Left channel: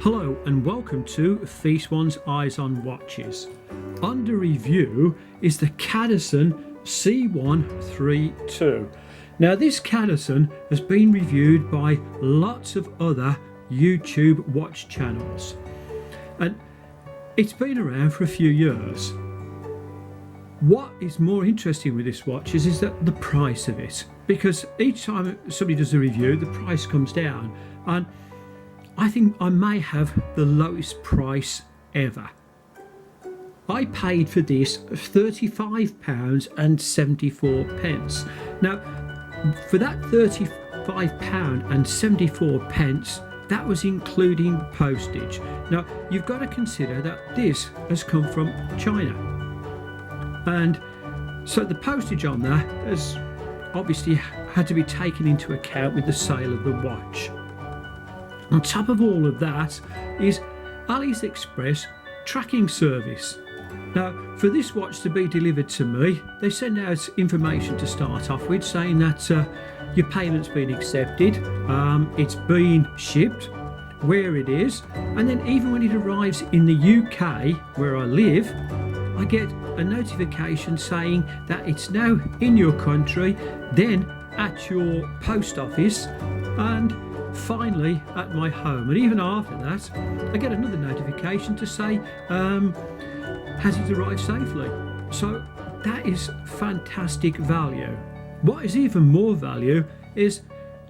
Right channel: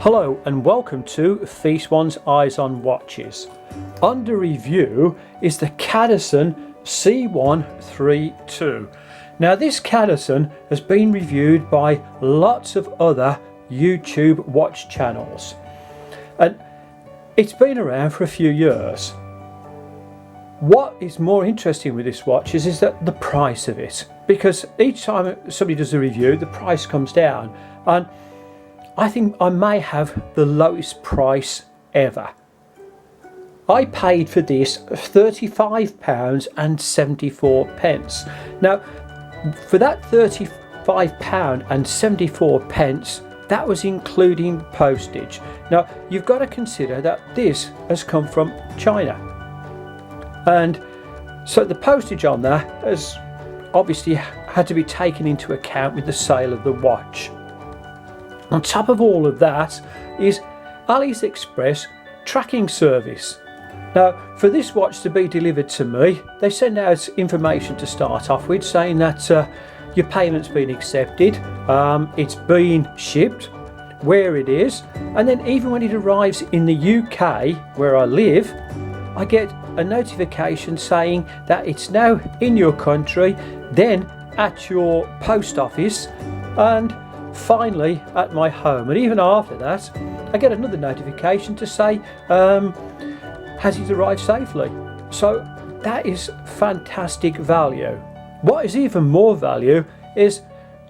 Hello and welcome to Feast One's Eyes on Watches. Under review is the Cadisen C132. Now this Cadisen has been reviewed by lots of other YouTube watch channels and it's been around for a few years. What is more interesting with this watch is that the price of it, because each time somebody does a review the price comes down, and I think I may have the lowest price ever. I paid for this £35.74. Now, for that £35.74, that was including postage. Now, you've got to consider that this has come from China. And so the postage on that has obviously had to be taken into account with the sale of the watch. On top of all of that is AliExpress tracking service. Now, for this watch to be delivered to me, they send out information to start off with saying that your payment's been accepted, it's been shipped, where it is, and then even when it arrives in the UK, where I live, I get a notification saying that it's now in your country, then at your post office, and finally at my home. And even after that I get another notification to say has it arrived safely. So that is fantastic value. What is even more value is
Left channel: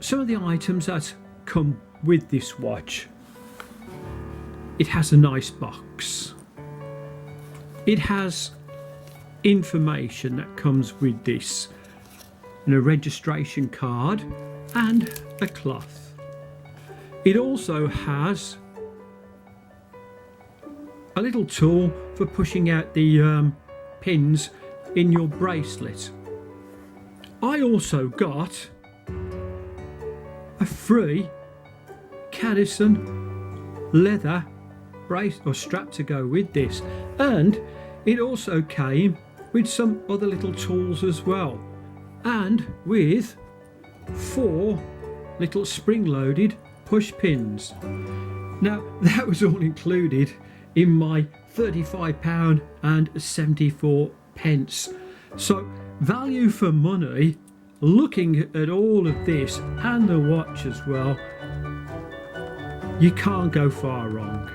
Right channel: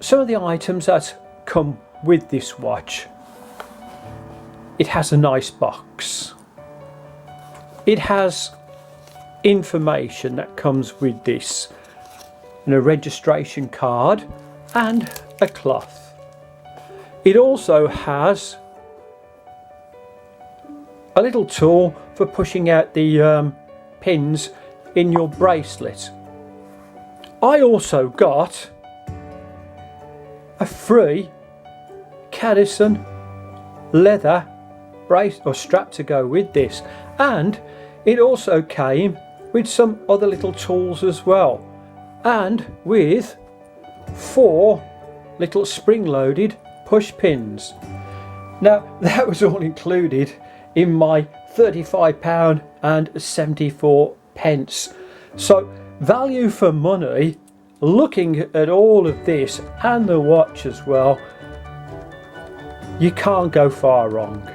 some of the items that come with this watch. It has a nice box, it has information that comes with this, and a registration card and a cloth. It also has a little tool for pushing out the pins in your bracelet. I also got a free Cadisen leather brace or strap to go with this, and it also came with some other little tools as well, and with 4 little spring-loaded push pins. Now that was all included in my £35.74. So value for money. Looking at all of this and the watch as well, you can't go far wrong.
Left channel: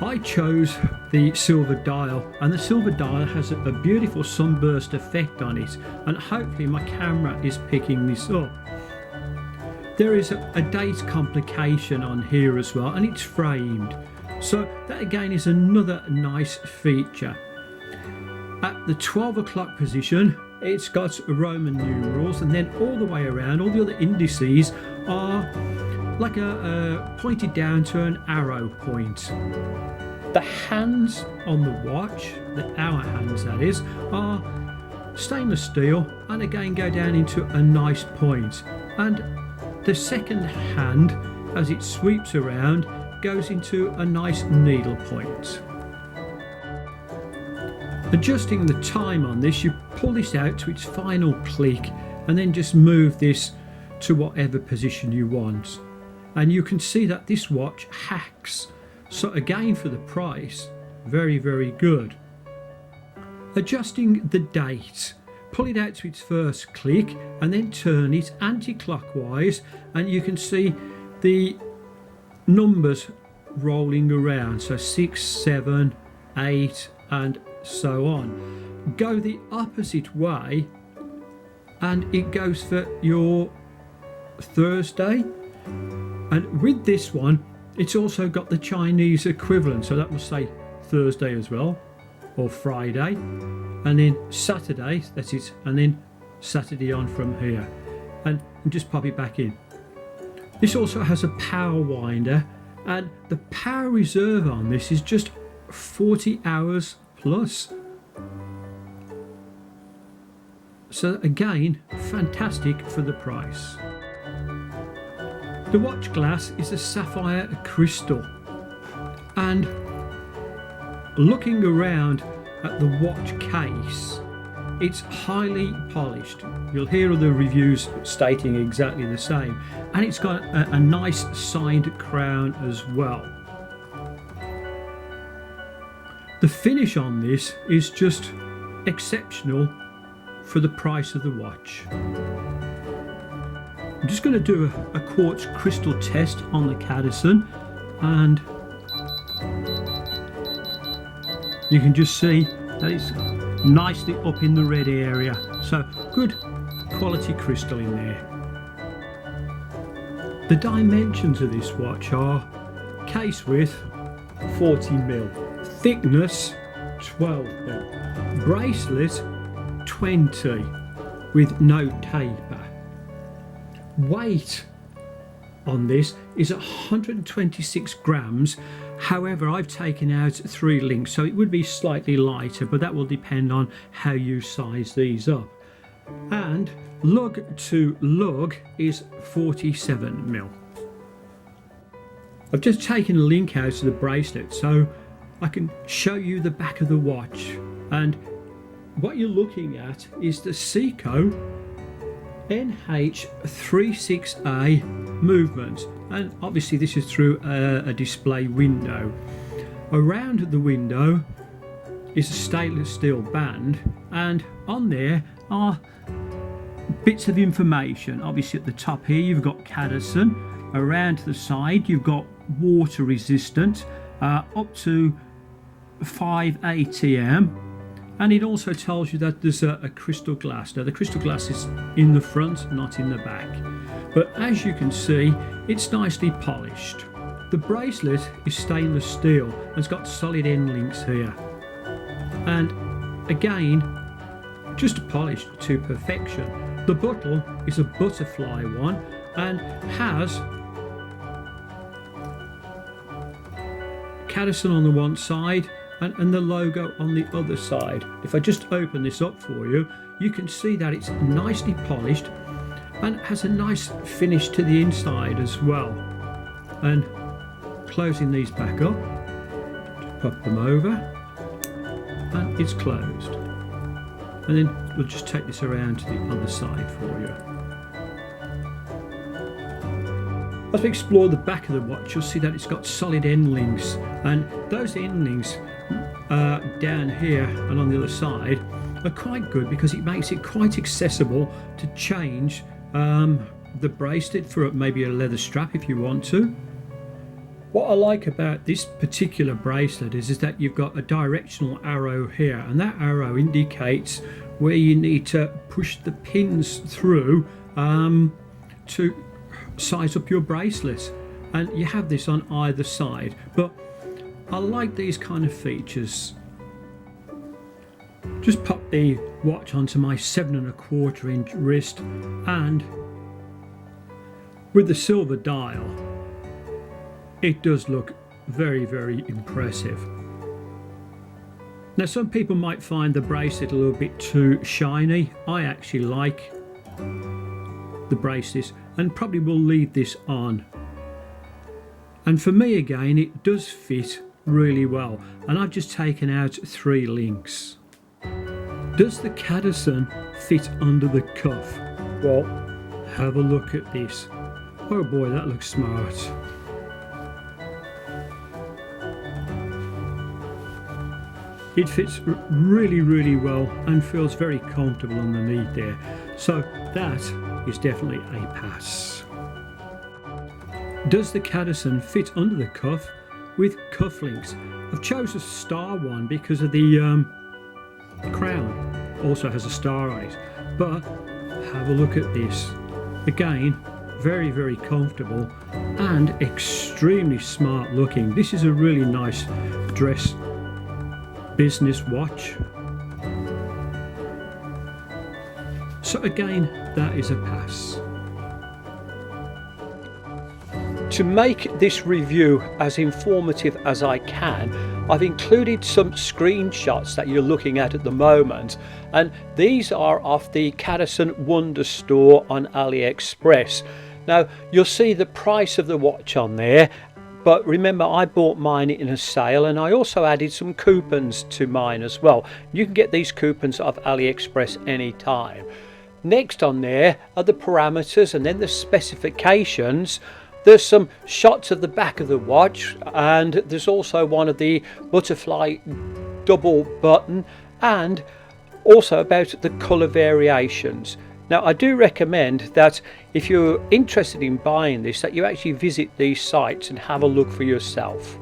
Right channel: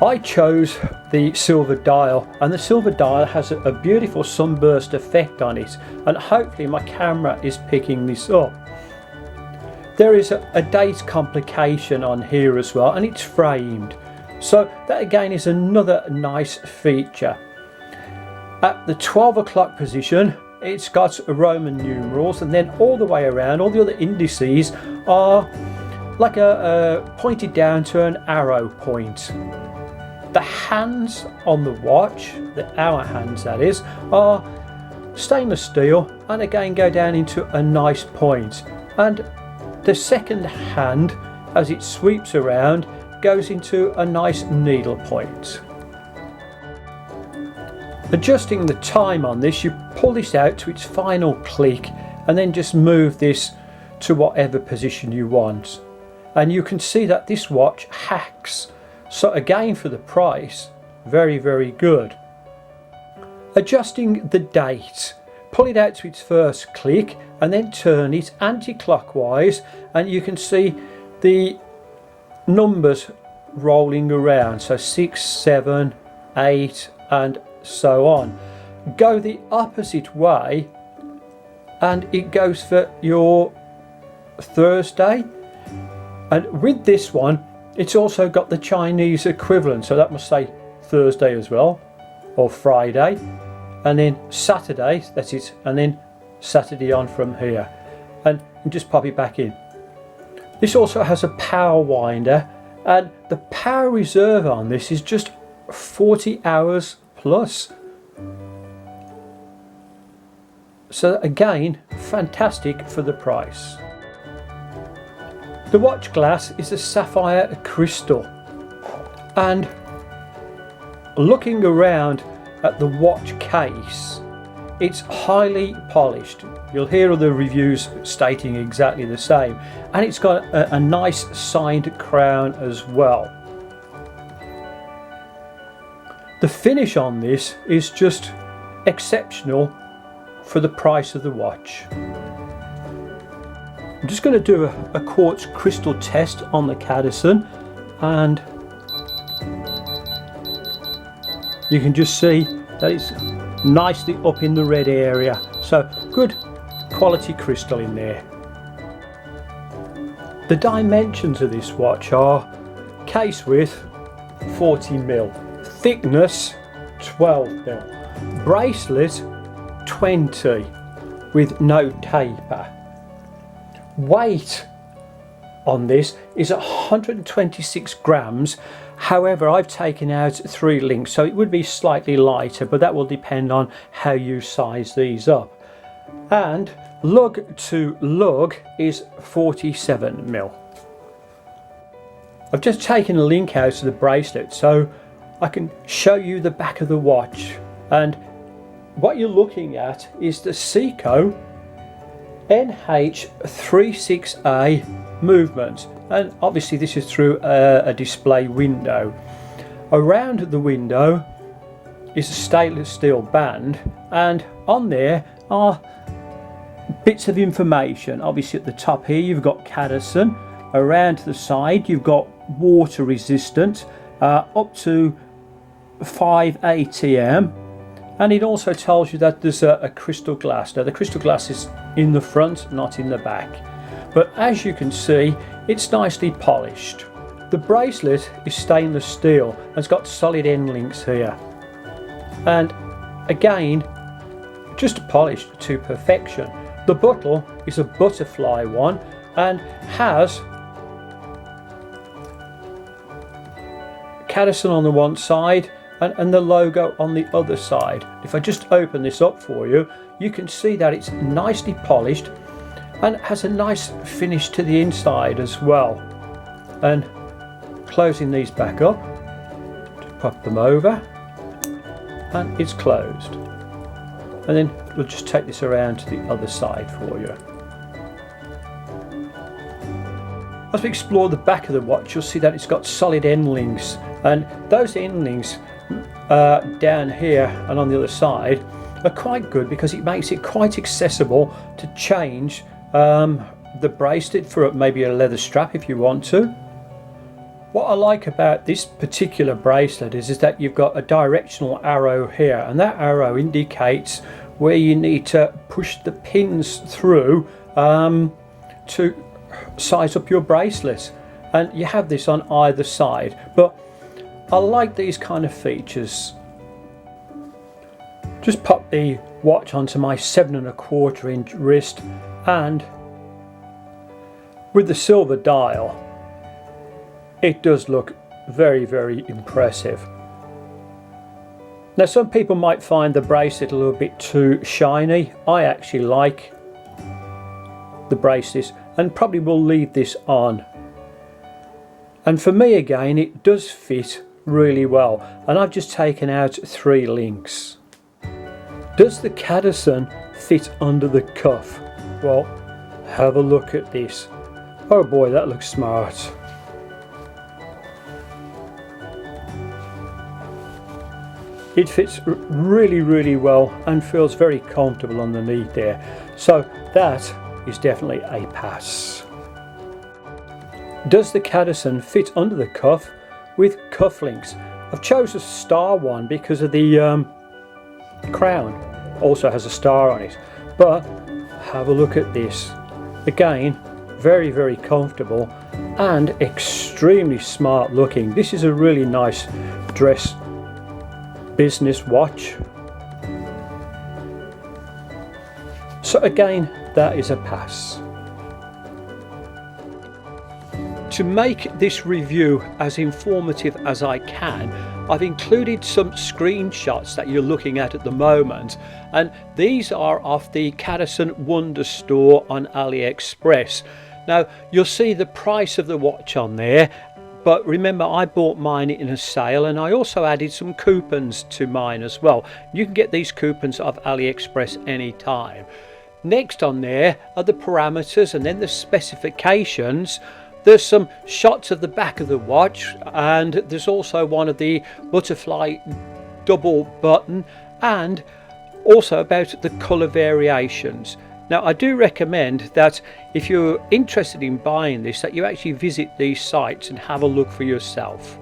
I chose the silver dial, and the silver dial has a beautiful sunburst effect on it, and hopefully my camera is picking this up. There is a date complication on here as well, and it's framed, so that again is another nice feature. At the 12 o'clock position it's got Roman numerals, and then all the way around all the other indices are like a pointed down to an arrow point. The hands on the watch, the hour hands that is, are stainless steel and again go down into a nice point, and the second hand as it sweeps around goes into a nice needle point. Adjusting the time on this, you pull this out to its final click and then just move this to whatever position you want, and you can see that this watch hacks. So again, for the price, very good. Adjusting the date, pull it out to its first click and then turn it anti-clockwise, and you can see the numbers rolling around, so 6, 7, 8 and so on. Go the opposite way and it goes for your Thursday, and with this one it's also got the Chinese equivalent, so that must say Thursday as well, or Friday, and then Saturday, that's it, and then Saturday on from here, and just pop it back in. This also has a power winder, and the power reserve on this is just 40 hours plus. So again, fantastic for the price. The watch glass is a sapphire crystal, and looking around at the watch case, it's highly polished. You'll hear other reviews stating exactly the same, and it's got a nice signed crown as well. The finish on this is just exceptional for the price of the watch. I'm just going to do a quartz crystal test on the Cadisen, and you can just see that it's nicely up in the red area, so good quality crystal in there. The dimensions of this watch are case width 40mm, thickness 12mm, bracelet 20 with no taper. Weight on this is 126 grams. However, I've taken out 3 links, so it would be slightly lighter, but that will depend on how you size these up. And lug to lug is 47mm. I've just taken a link out of the bracelet so I can show you the back of the watch, and what you're looking at is the Seiko NH36A movement, and obviously this is through a display window. Around the window is a stainless steel band, and on there are bits of information. Obviously at the top here you've got Cadisen, around the side you've got water resistant, up to 5 ATM, and it also tells you that there's a crystal glass. Now the crystal glass is in the front, not in the back, but as you can see it's nicely polished. The bracelet is stainless steel and it's got solid end links here, and again just polished to perfection. The buckle is a butterfly one and has Cadisen on the one side and the logo on the other side. If I just open this up for you, you can see that it's nicely polished and has a nice finish to the inside as well. And closing these back up, just pop them over, and it's closed. And then we'll just take this around to the other side for you. As we explore the back of the watch, you'll see that it's got solid end links, and those end links down here and on the other side are quite good because it makes it quite accessible to change the bracelet for maybe a leather strap if you want to. What I like about this particular bracelet is that you've got a directional arrow here, and that arrow indicates where you need to push the pins through to size up your bracelet, and you have this on either side. But I like these kind of features. Just pop the watch onto my 7¼ inch wrist, and with the silver dial it does look very, very impressive. Now some people might find the bracelet a little bit too shiny. I actually like the bracelet and probably will leave this on. And for me again, it does fit really well, and I've just taken out 3 links. Does the Cadisen fit under the cuff? Well, have a look at this. Oh boy, that looks smart. It fits really, really well and feels very comfortable underneath there. So that is definitely a pass. Does the Cadisen fit under the cuff with cufflinks? I've chosen a star one because of the crown also has a star on it, but have a look at this. Again, very, very comfortable and extremely smart looking. This is a really nice dress business watch. So again, that is a pass. To make this review as informative as I can, I've included some screenshots that you're looking at the moment, and these are off the Cadisen Wonder Store on AliExpress. Now you'll see the price of the watch on there, but remember, I bought mine in a sale, and I also added some coupons to mine as well. You can get these coupons off AliExpress anytime. Next on there are the parameters and then the specifications. There's some shots of the back of the watch, and there's also one of the butterfly double button, and also about the colour variations. Now, I do recommend that if you're interested in buying this, that you actually visit these sites and have a look for yourself.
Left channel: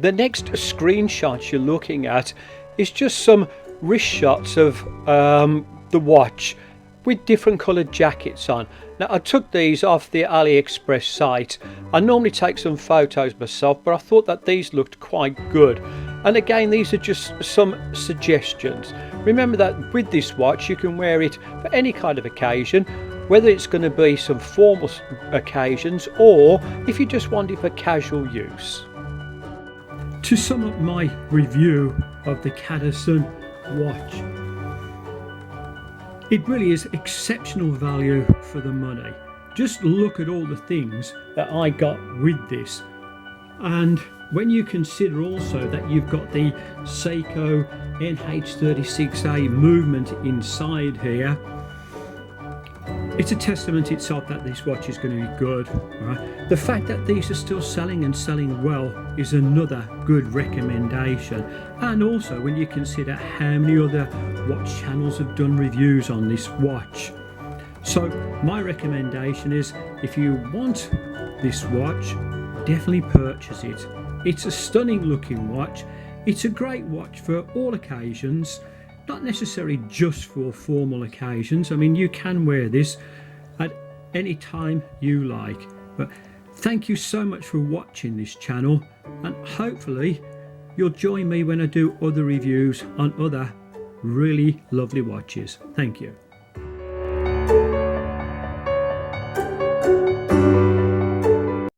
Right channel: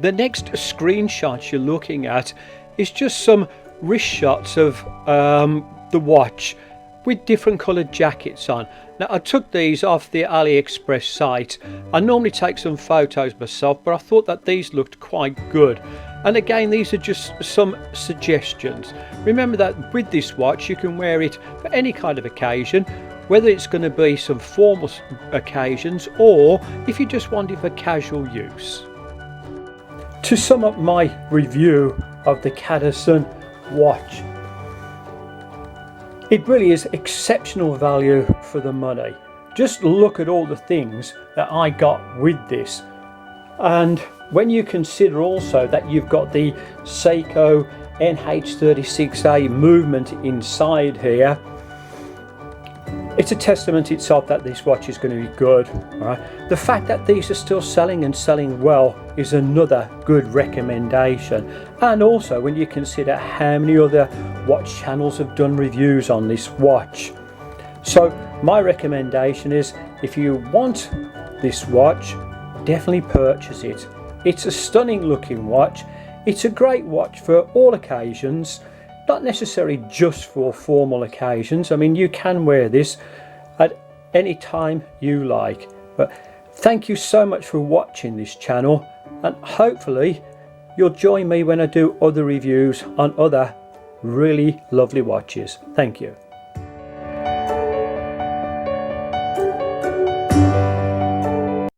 The next screenshot you're looking at is just some wrist shots of the watch with different coloured jackets on. Now, I took these off the AliExpress site. I normally take some photos myself, but I thought that these looked quite good. And again, these are just some suggestions. Remember that with this watch, you can wear it for any kind of occasion, whether it's going to be some formal occasions or if you just want it for casual use. To sum up my review of the Cadisen watch, it really is exceptional value for the money. Just look at all the things that I got with this. And when you consider also that you've got the Seiko NH36A movement inside here, it's a testament itself that this watch is going to be good. Right? The fact that these are still selling and selling well is another good recommendation. And also when you consider how many other watch channels have done reviews on this watch. So my recommendation is, if you want this watch, definitely purchase it. It's a stunning looking watch. It's a great watch for all occasions, not necessarily just for formal occasions. I mean, you can wear this at any time you like. But thank you so much for watching this channel, and hopefully you'll join me when I do other reviews on other really lovely watches. Thank you.